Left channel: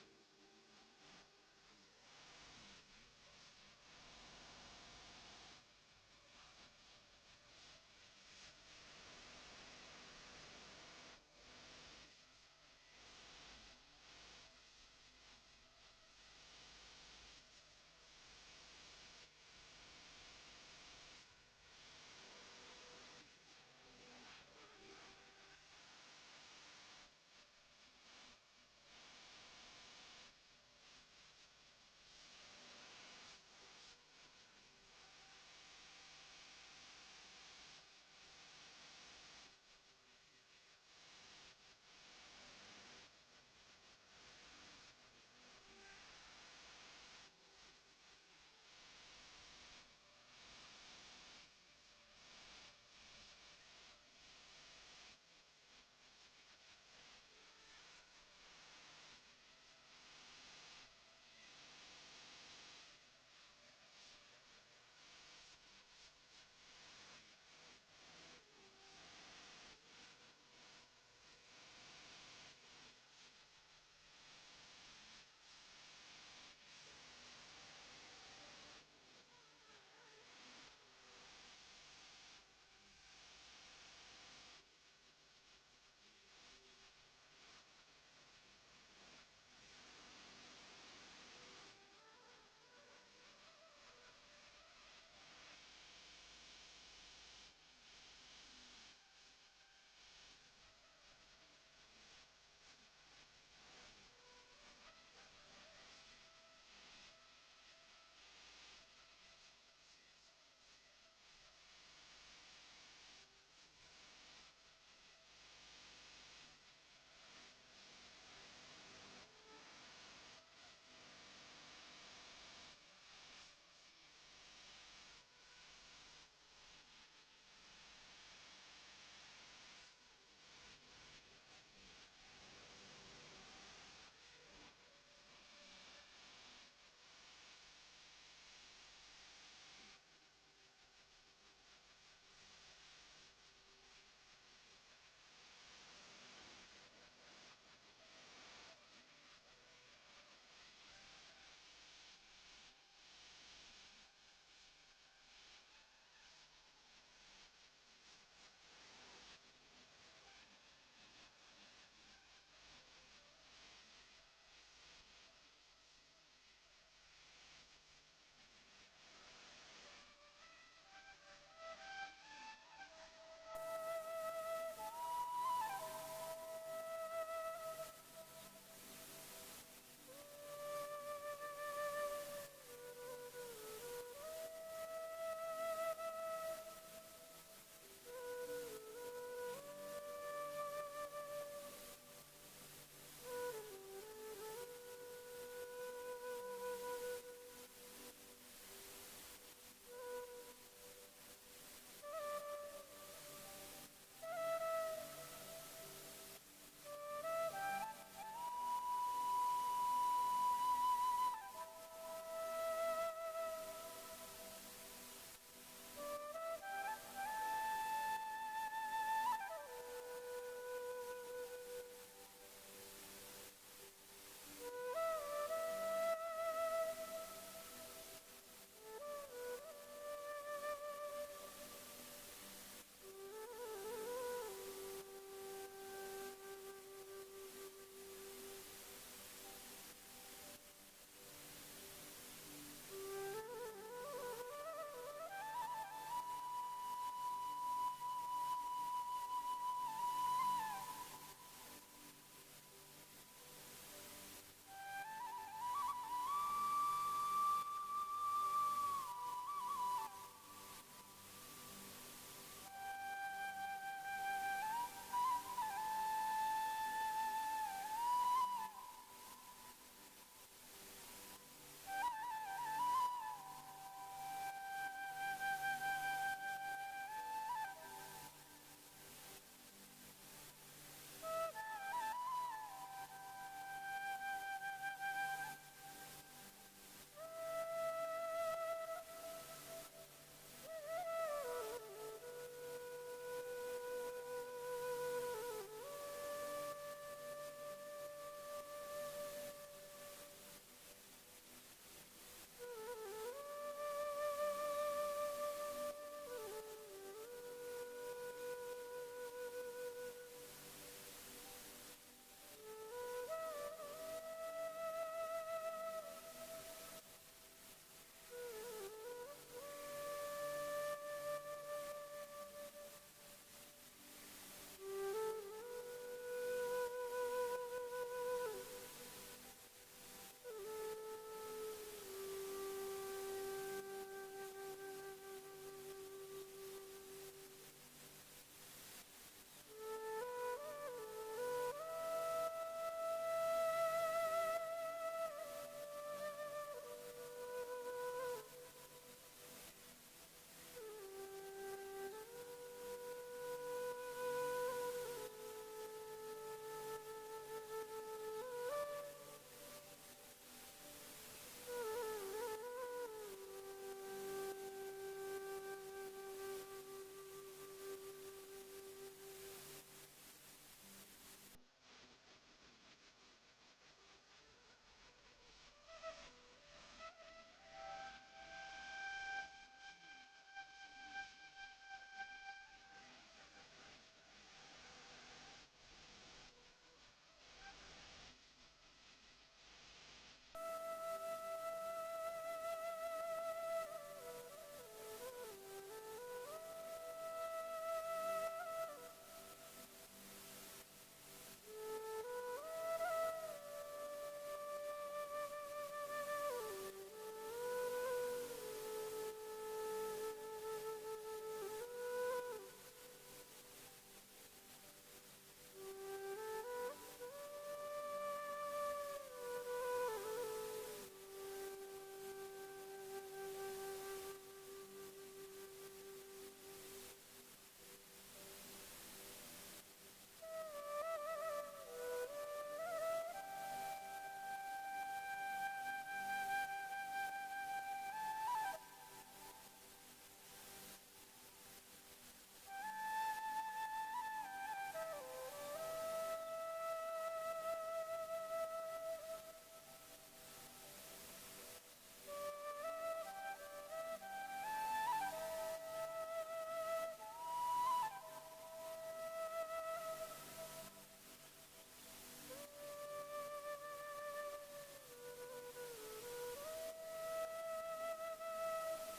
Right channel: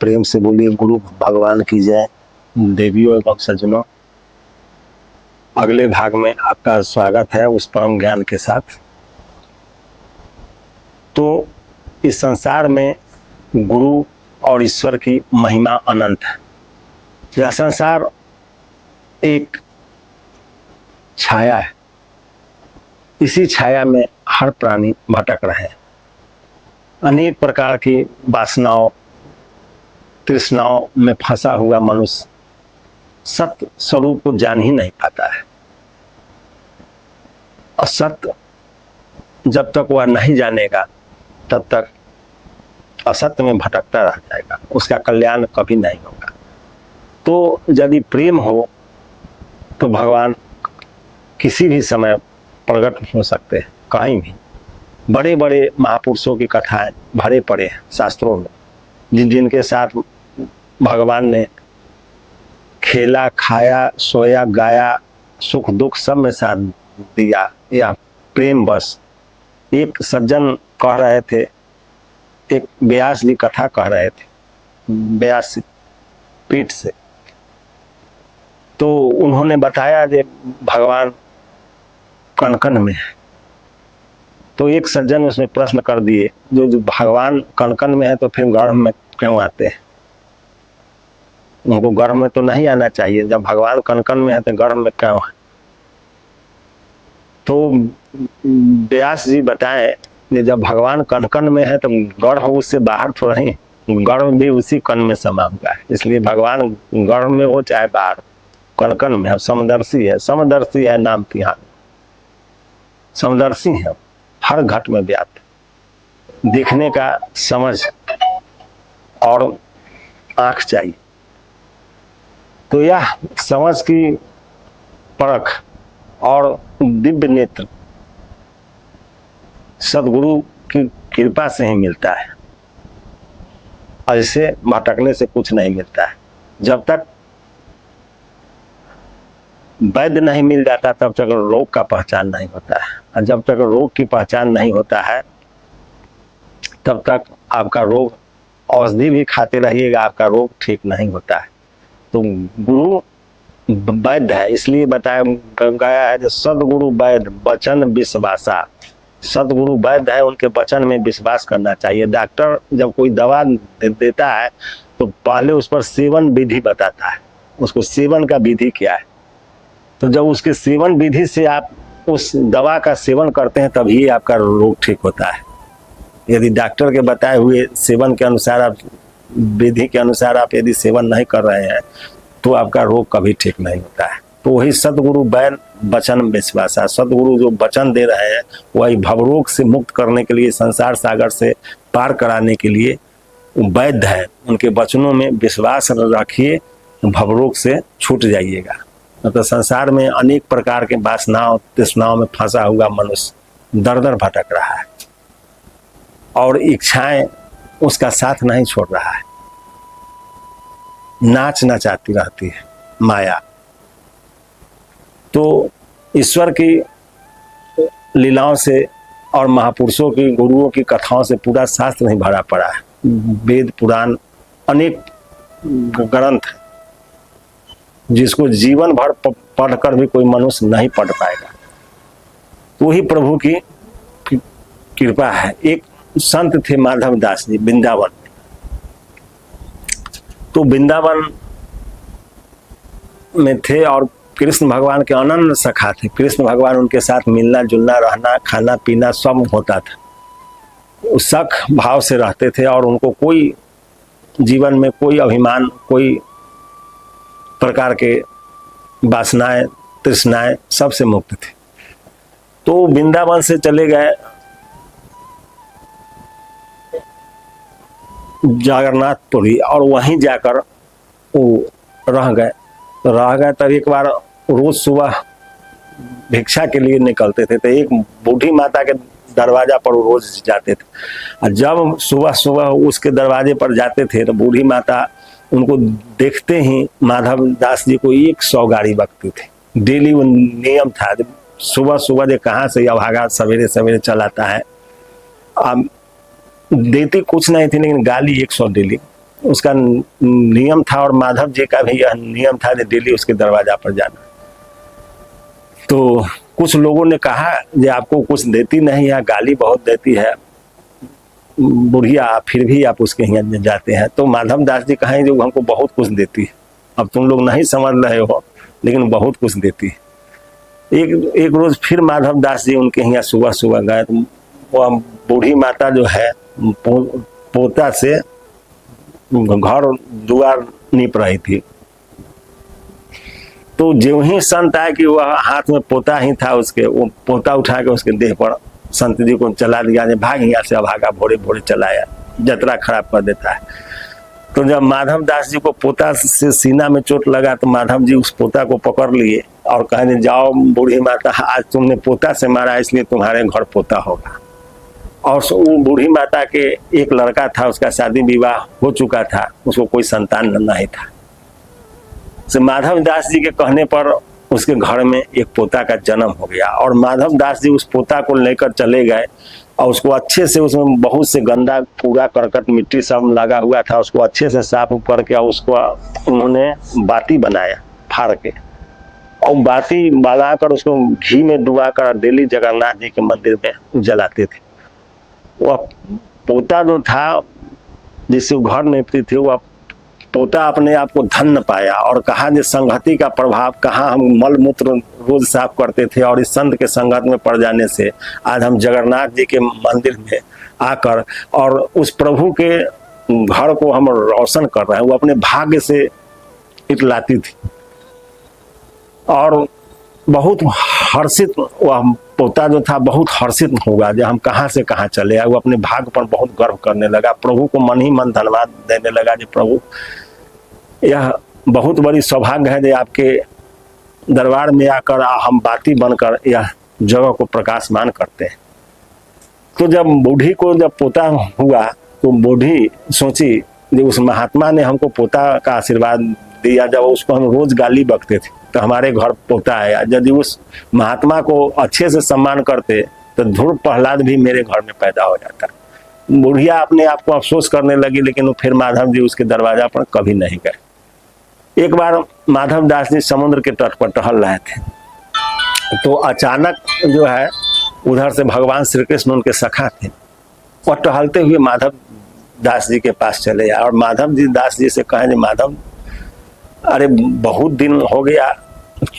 प्रेम से बोलिए गुरु भगवान की जय। देवियों एवं सज्जनों, अगले भाग में आपका स्वागत है उस परम ज्ञान के साथ। तो इस संसार में गुरु और ईश्वर की महिमा अनंत है। यह संसार एक छाया है, इसी छाया में हर प्राणी भटक रहे हैं। अनेक प्रकार की वासनाओं तृष्णाओं में फंसा हुआ मनुष्य सत्य स्वरूप को जान ही नहीं पाता है। और सत्य जब तक वह नहीं जानेगा तब तक असत्य में भटकता रह जाएगा, उसका कल्याण कभी नहीं होगा। तो यदि प्रेम हो तो भगवान किसी भी समय प्रकट हो सकते हैं, कहीं भी। बड़े बड़े महापुरुषों की कथाएं भरे पड़े हैं शास्त्रों में, जिनके साथ भगवान ने खेला, खाया, सोया, गाया, सुख दुख सब में साथ दिया। या प्रेम बस। एक सज्जन कह रहे थे, एक व्यास जी कथा कह रहे थे व्यास पीठ से, तो उन्होंने बताया कि भगवान कणकण में है। तो एक सज्जन उसमें प्रश्न कर दिए, जो भगवान कणकण में है तो फिर गर्भ में क्यों आते हैं? उनको गर्भ में तो नहीं आना चाहिए, जब भगवान कणकण में है तो गर्भ में क्यों है? तो व्यास जी बताए कि जब भगवान कणकण में है तो गर्भ उससे बाहर तो नहीं, गर्भ भी उसी कण में समा हुआ है। इसलिए भगवान गर्भ में हो चाहे बाहर, कणकण में है। समदर्शी है, समदर्शी है नाम की, यहाँ समदर्शी है, हर घट में व्याप्त। देखने का समझ और आंख चाहिए। तो यह समझ की परख और दिव्य नेत्र सदगुरु की कृपा से ही मिलता है। ऐसे भटकने से कुछ नहीं मिलता है। जब तक वैद्य नहीं मिल जाता तब तक रोग का पहचान नहीं होता है, और जब तक रोग की पहचान नहीं होता है तब तक आपका रोग, औषधि भी खाते रहिएगा, आपका रोग ठीक नहीं होता है। तो गुरु वैद्य है, इसलिए बताया गया है जो सदगुरु वैद्य वचन विश्वासा। सदगुरु वैद्य है, उनके वचन में विश्वास करना चाहिए। डॉक्टर जब कोई दवा देता है तो पहले उस पर सेवन विधि बताता है, उसको सेवन का विधि क्या है। तो जब उसके सेवन विधि से आप उस दवा का सेवन करते हैं तभी आपका रोग ठीक होता है। यदि डॉक्टर के बताए हुए सेवन के अनुसार, आप विधि के अनुसार आप यदि सेवन नहीं कर रहे हैं तो आपका रोग कभी ठीक नहीं होता है। तो वही सदगुरु वैद्य वचन विश्वासा। सदगुरु जो वचन दे रहे हैं वही भवरोग से मुक्त करने के लिए, संसार सागर से पार कराने के लिए वैद्य है। उनके वचनों में विश्वास रखिए, भवरोग से छूट जाइएगा। तो संसार में अनेक प्रकार के वासनाओं तृष्णाओं में फंसा हुआ मनुष्य दर दर भटक रहा है और इच्छाएं उसका साथ नहीं छोड़ रहा है। नाच नचाती रहती है माया। तो ईश्वर की लीलाओं से और महापुरुषों की, गुरुओं की कथाओं से पूरा शास्त्र नहीं भरा पड़ा है। वेद पुराण अनेक ग्रंथ जिसको जीवन भर पढ़कर भी कोई मनुष्य नहीं पढ़ पाएगा। तो वही प्रभु की कृपा है। एक संत थे माधव दास जी, वृंदावन। तो वृंदावन में थे और कृष्ण भगवान के अनन्य सखा थे। कृष्ण भगवान उनके साथ मिलना जुलना, रहना, खाना पीना सब होता था। उस सख भाव से रहते थे और उनको कोई जीवन में कोई अभिमान, कोई प्रकार के वासनाएं तृष्णाएं सबसे मुक्त थे। तो वृंदावन से चले गए जगन्नाथपुरी और वहीं जाकर वो रह गए। तब एक बार रोज सुबह भिक्षा के लिए निकलते थे, तो एक बूढ़ी माता के दरवाजा पर रोज जाते थे। और जब सुबह सुबह उसके दरवाजे पर जाते थे तो बूढ़ी माता उनको देखते ही माधव दास जी को 100 गाड़ी बकती थी। डेली वो नियम था, सुबह सुबह जो कहाँ से अभागा सवेरे सवेरे चलाता है। अब देती कुछ नहीं थी लेकिन गाली 100 डेली। उसका नियम था और माधव जी का भी यह नियम था कि डेली उसके दरवाजा पर जाना। तो कुछ लोगों ने कहा कि आपको कुछ देती नहीं है, गाली बहुत देती है बुढ़िया, फिर भी आप उसके यहाँ जाते हैं। तो माधव दास जी कहें जो हमको बहुत कुछ देती है, अब तुम लोग नहीं समझ रहे हो लेकिन बहुत कुछ देती है। एक रोज फिर माधव दास जी उनके यहाँ सुबह सुबह गए तो वो बूढ़ी माता जो है पोता से घर दुआर नीप रही थी। तो जो ही संत आए कि वह हाथ में पोता ही था उसके, वो पोता उठा के उसके देह पर संत जी को चला दिया, भाग यहाँ से, भागा भोरे भोरे चलाया, जतरा खराब कर देता है। तो जब माधव दास जी को पोता से सीना में चोट लगा तो माधव जी उस पोता को पकड़ लिए और कहने जाओ बूढ़ी माता, आज तुमने पोता से मारा इसलिए तुम्हारे घर पोता होगा। और वो बूढ़ी माता के एक लड़का था, उसका शादी विवाह हो चुका था, उसको कोई संतान नहीं था। तो माधव दास जी के कहने पर उसके घर में एक पोता का जन्म हो गया और माधव दास जी उस पोता को लेकर चले गए और उसको अच्छे से, उसमें बहुत से गंदा कूड़ा करकट मिट्टी सब लगा हुआ था, उसको अच्छे से साफ करके उसको उन्होंने बाती बनाया फाड़ के, और बाती बनाकर उसको घी में डुबाकर डेली जगन्नाथ जी के मंदिर में जलाते थे। वह पोता जो था जिससे घर निपती थी, वह पोता अपने आप को धन्य पाया और कहा कि संगति का प्रभाव, कहाँ हम मल मूत्र रोज साफ करते थे और इस संत के संगत में पड़ जाने से आज हम जगन्नाथ जी के मंदिर में आकर और उस प्रभु के घर को हम रोशन कर रहे हैं। वो अपने भाग्य से इतलाती थी और बहुत हर्षित, वह पोता जो था बहुत हर्षित होगा जब हम कहाँ से कहाँ चले आए। वो अपने भाग्य पर बहुत गर्व करने लगा, प्रभु को मन ही मन धन्यवाद देने लगा कि प्रभु यह बहुत बड़ी सौभाग्य है कि आपके दरबार में आकर हम बाती बनकर यह जगह को प्रकाशमान करते हैं। तो जब बूढ़ी को जब पोता हुआ तो बूढ़ी सोची कि उस महात्मा ने हमको पोता का आशीर्वाद दिया, जब उसको हम रोज गाली बकते थे तो हमारे घर पोता आया, यदि उस महात्मा को अच्छे से सम्मान करते तो ध्रुव प्रहलाद भी मेरे घर में पैदा हो जाता। बुढ़िया अपने आप को अफसोस करने लगी, लेकिन फिर माधव जी उसके दरवाजा पर कभी नहीं गए। एक बार माधव दास जी समुद्र के तट पर टहल रहे थे तो अचानक जो है उधर से भगवान श्री कृष्ण उनके सखा थे, वह टहलते हुए माधव दास जी के पास चले और माधव जी दास जी से कहे, माधव अरे बहुत दिन हो गया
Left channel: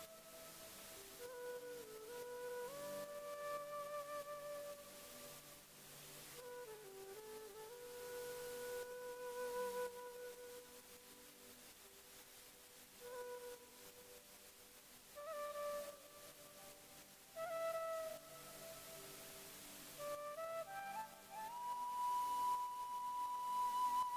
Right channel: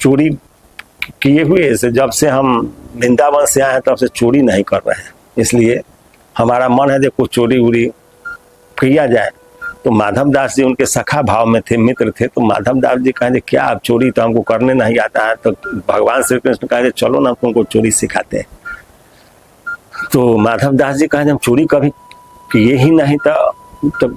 चोरी किए हुए से, जब से हम वृंदावन से आए हैं तब से चोरी नहीं कर रहे हैं, इसलिए हमारा मन है कि कुछ चोरी उरी किया जाए। तो माधव दास जी उनके सखा भाव में थे, मित्र थे। तो माधव दास जी कहे क्या आप चोरी तो हमको करने नहीं आता है। तो भगवान श्री कृष्ण कहे चलो ना तुमको चोरी सिखाते हैं। तो माधव दास जी कहे हम चोरी कभी किए ही नहीं था। तो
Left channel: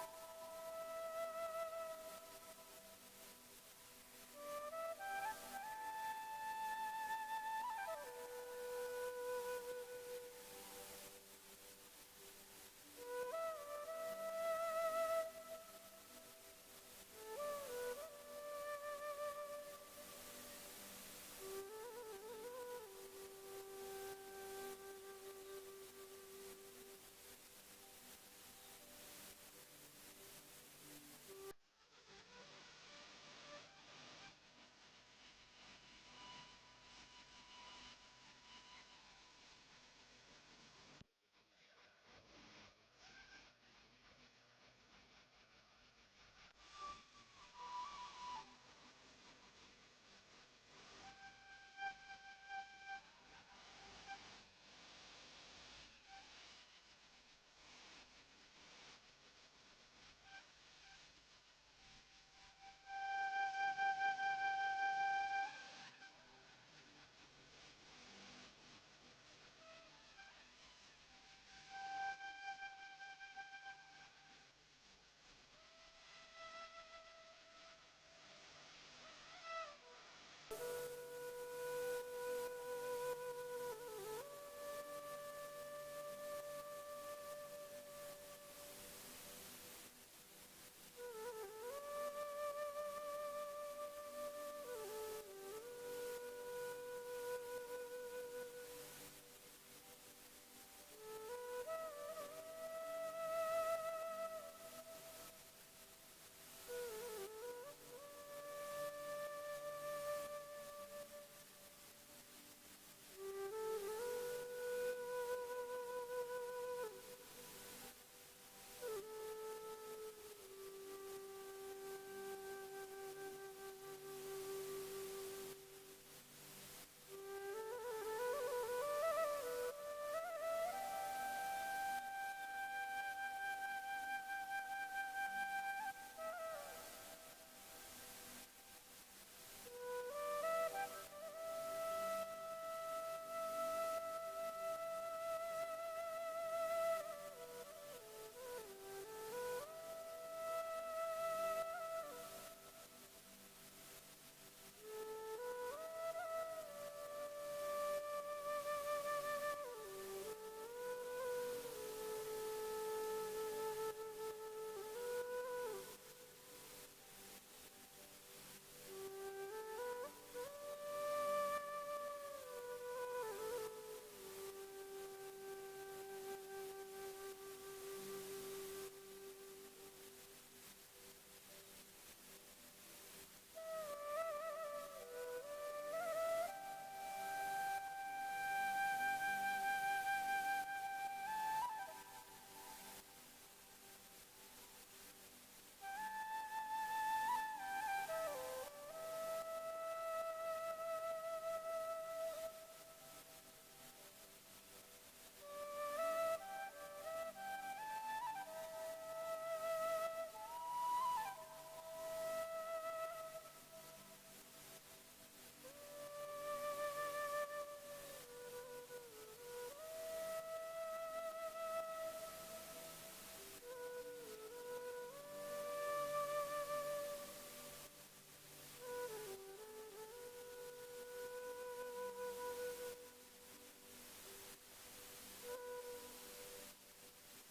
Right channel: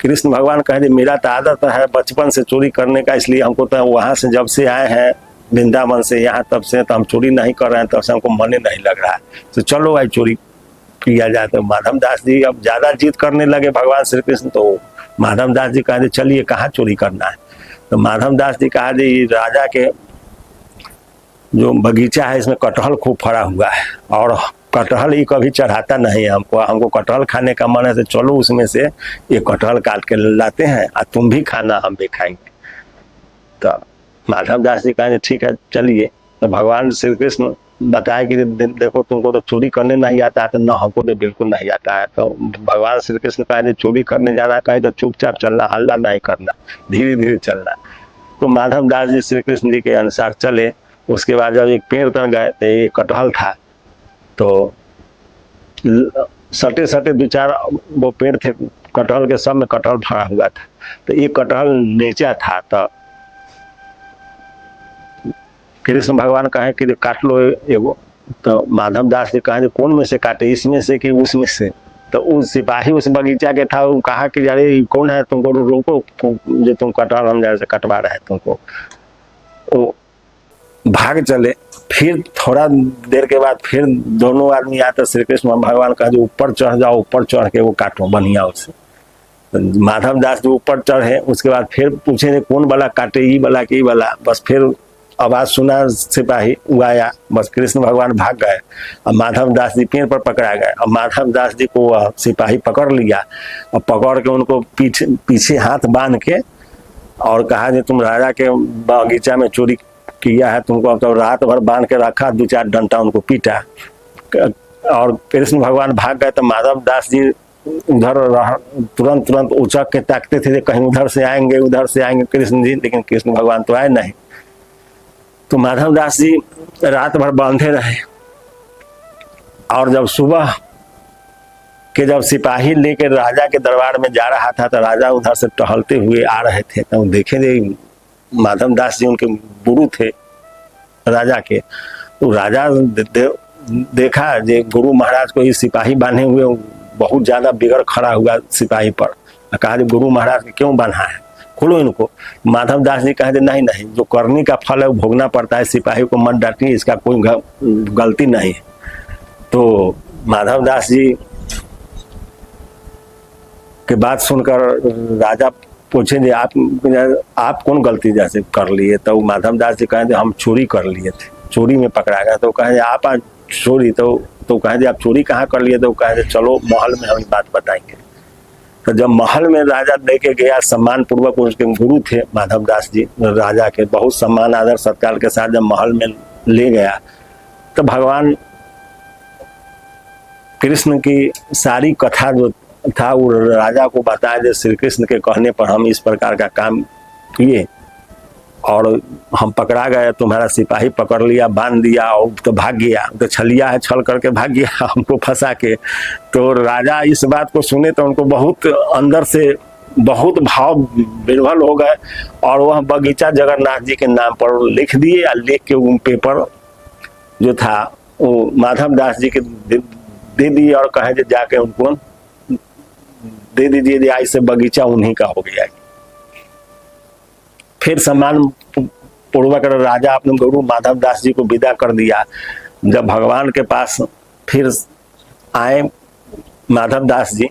कृष्ण भगवान कहे मेरा तो आदत है बचपन से चोरी करने का, इसलिए हमको तो वहां से जब से आए हैं वृंदावन से यहाँ तब से तो हम चोरी नहीं कर रहे हैं, तब से हमको मन नहीं लग रहा है, तो चलो भाई चोरी किया जाए। तो माधव दास जी अब ज्यादा जिद करने लगे भगवान श्री कृष्ण। तो माधव दास जी कहा चलिए कहाँ चोरी करना है। तो माधव दास जी कहा राजा के जो बगीचा है इसमें कटहल खूब फरा हुआ है और कटहल ही कभी चढ़ाता नहीं है हमको कटहल खाने का मन है, तो चलो उसमें से ये कटहल काट के लाते हैं और तुम भी खाना हम भी खाएंगे। तो माधव दास जी कहे ठीक है चलिए। तो भगवान श्री कृष्ण बताया कि देखो तुमको तो चोरी करने नहीं आता है, तो ना हमको तो बिल्कुल नहीं आता है। तो भगवान श्री कृष्ण कहे चोरी करने जाना, कहे तो चुपचाप चलना, हल्ला नहीं करना, धीरे धीरे चलना। तो माधव दास जी श्री कृष्ण जी के अनुसार चले। उसके बाद जब एक पेड़ पर गए तो एक कटहल था, तो सटे सटे दो चार वो पेड़ थे कटहल के, सब में कटहल भरा हुआ था। तो एक कटहल नीचा था, तो कृष्ण भगवान कहे कि काट लो एगो। तो माधव दास जी कहे कौन में से काटे, इसमें से कि उसमें से। तो उस सिपाही उस बगीचा के था, वो कहा कि अरे कौन है तुमको रोको जो तुम कटहल हम जैसे कटवा रहे हैं तुमको। वो भाग चले। फिर थोड़ा देर के बाद फिर दोनों आदमी आते, श्री कृष्ण भगवान कहा जो ऊपर चढ़ जाओ, ऊपर चढ़ के वो काटो बढ़िया उससे। तो माधव दास जो ऊपर चढ़े, उसके बाद फिर पूछे कौन वाला काटे, ई वाला कि ई वाला। बस फिर आवाज सुना सिपाही, वो आया, बस कृष्ण भगवान भाग गए और माधव दास जी पेड़ पर पकड़ा गए। और माधव दास जी को वह सिपाही पकड़ लिया और पकड़ के उनको पीछे हाथ बांध के और कहा कि तुम राजा के बगीचा में चोरी किया है, तुमको अब तो रात भर बांध के रखा, 2-4 डंडा उनको पीटा और कृष्ण भगवान भाग गए। तो माधव दास जी उधर तुरंत उचक के ताकते थे कहीं उधर से आएंगे कृष्ण जी, लेकिन कृष्ण भगवान तो आए नहीं। तो माधव दास जी रात भर बांधे रहे और जब सुबह के जब सिपाही लेकर राजा के दरबार में जा रहा था तो राजा उधर से टहलते हुए आ रहे थे। तो देखे थे माधव दास जी उनके गुरु थे राजा के। तो राजा देखा जे गुरु महाराज को ही सिपाही बांधे हुए, बहुत ज्यादा बिगड़ खड़ा हुआ सिपाही पर। कहा गुरु महाराज क्यों बांधा है, खोलो इनको। माधव दास जी कहे नहीं नहीं, जो करनी का फल है वो भोगना पड़ता है, सिपाही को मत डांटिए, इसका कोई गलती नहीं। तो माधव दास जी के बात सुनकर राजा पूछे जे आप कौन गलती जैसे कर लिए। तो माधव दास जी कहे हम चोरी कर लिए थे, चोरी में पकड़ा गया। तो कहे आप आज चोरी, तो कहे आप चोरी कहाँ कर लिए। तो कहे चलो महल में हम बात बताएंगे। तो जब महल में राजा लेके गया सम्मान पूर्वक, उसके गुरु थे माधव दास जी, राजा के बहुत सम्मान आदर सत्कार के साथ जब महल में ले गया तो भगवान कृष्ण की सारी कथा जो था वो राजा को बताया, जो श्री कृष्ण के कहने पर हम इस प्रकार का काम किए और हम पकड़ा गए, तुम्हारा सिपाही पकड़ लिया, बांध दिया और तो भाग गया, तो छलिया है, छल करके भाग गया हमको फंसा के। तो राजा इस बात को सुने तो उनको बहुत अंदर से बहुत भाव विह्वल हो गए और वह बगीचा जगन्नाथ जी के नाम पर लिख दिए और लिख के उन पेपर जो था वो माधव दास जी के दे दिए और कहे जाके उनको दे दीजिए, आज से बगीचा उन्हीं का हो गया। फिर सम्मान पूर्वक राजा अपने गुरु माधव दास जी को विदा कर दिया। जब भगवान के पास फिर आए माधव दास जी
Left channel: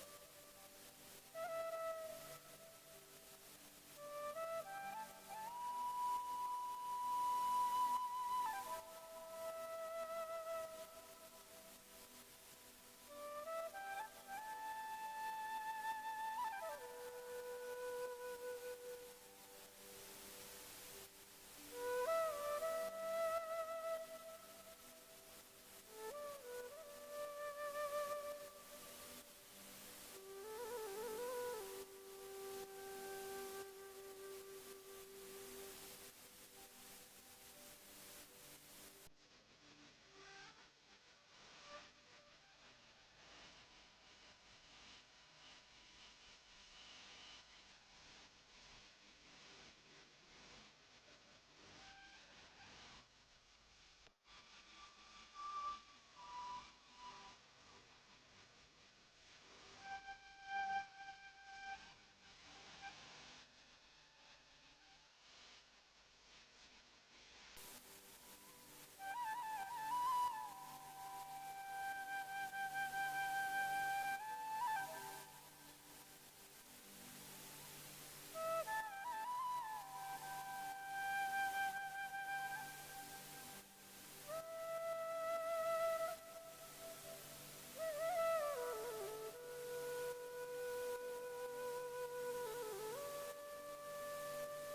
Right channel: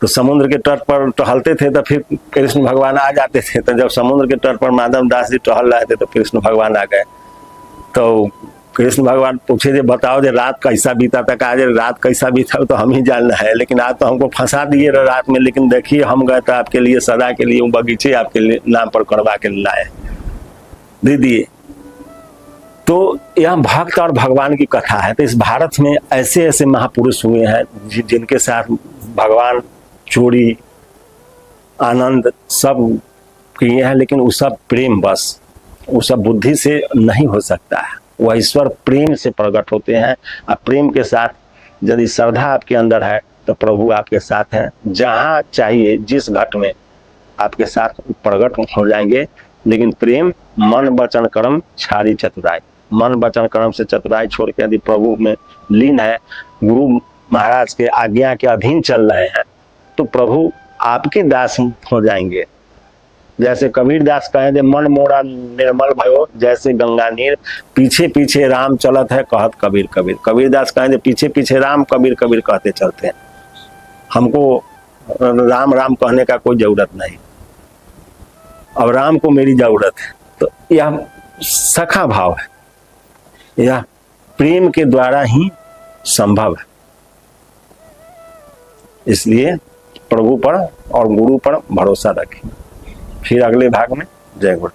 तो समुद्र के तट पर टहलते थे, तो फिर कृष्ण भगवान आ जाते थे। तो जब समुद्र के तट पर माधव दास जी टहल रहे थे तो कृष्ण भगवान आ गए। तो कृष्ण भगवान पूछे जे बताओ जे रात कैसा बीता था। कहा रात कैसा बीता तो हम ही जानना है, लेकिन आप तो हमको फंसा दिए रात में, लेकिन देखिए हम गए तो आपके लिए सदा के लिए वो बगीचे आपके लिए नाम पर करवा के लाए, दे दिए। तो यह भक्त और भगवान की कथा है। तो इस भारत में ऐसे ऐसे महापुरुष हुए हैं जिनके साथ भगवान चोरी आनंद सब किए हैं, लेकिन वो सब प्रेम, बस वो सब बुद्धि से नहीं हो सकता है। वह ईश्वर प्रेम से प्रकट होते हैं और प्रेम के साथ यदि श्रद्धा आपके अंदर है तो प्रभु आपके साथ हैं, जहाँ चाहिए जिस घट में आपके साथ प्रकट हो जाएंगे। लेकिन प्रेम मन वचन कर्म छाड़ी चतुराई, मन वचन कर्म से चतुराई छोड़ के यदि प्रभु में लीन है, गुरु महाराज के आज्ञा के अधीन चल रहे हैं, तो प्रभु आपके दास हो जाएंगे। जैसे कबीर दास कहे दे मन मोरा निर्मल भयो, जैसे गंगा नीर पीछे पीछे राम चलत है कहत कबीर कबीर। कबीर दास कहे दे पीछे पीछे राम कबीर कबीर कहते चलते हैं, हमको राम राम कहने का कोई जरूरत नहीं, अब राम को मेरी जरूरत है। तो यह सखा भाव है, यह प्रेम के द्वारा ही संभव है। इसलिए प्रभु पर और गुरु पर भरोसा रखें। फिर अगले भाग में जय गुरु।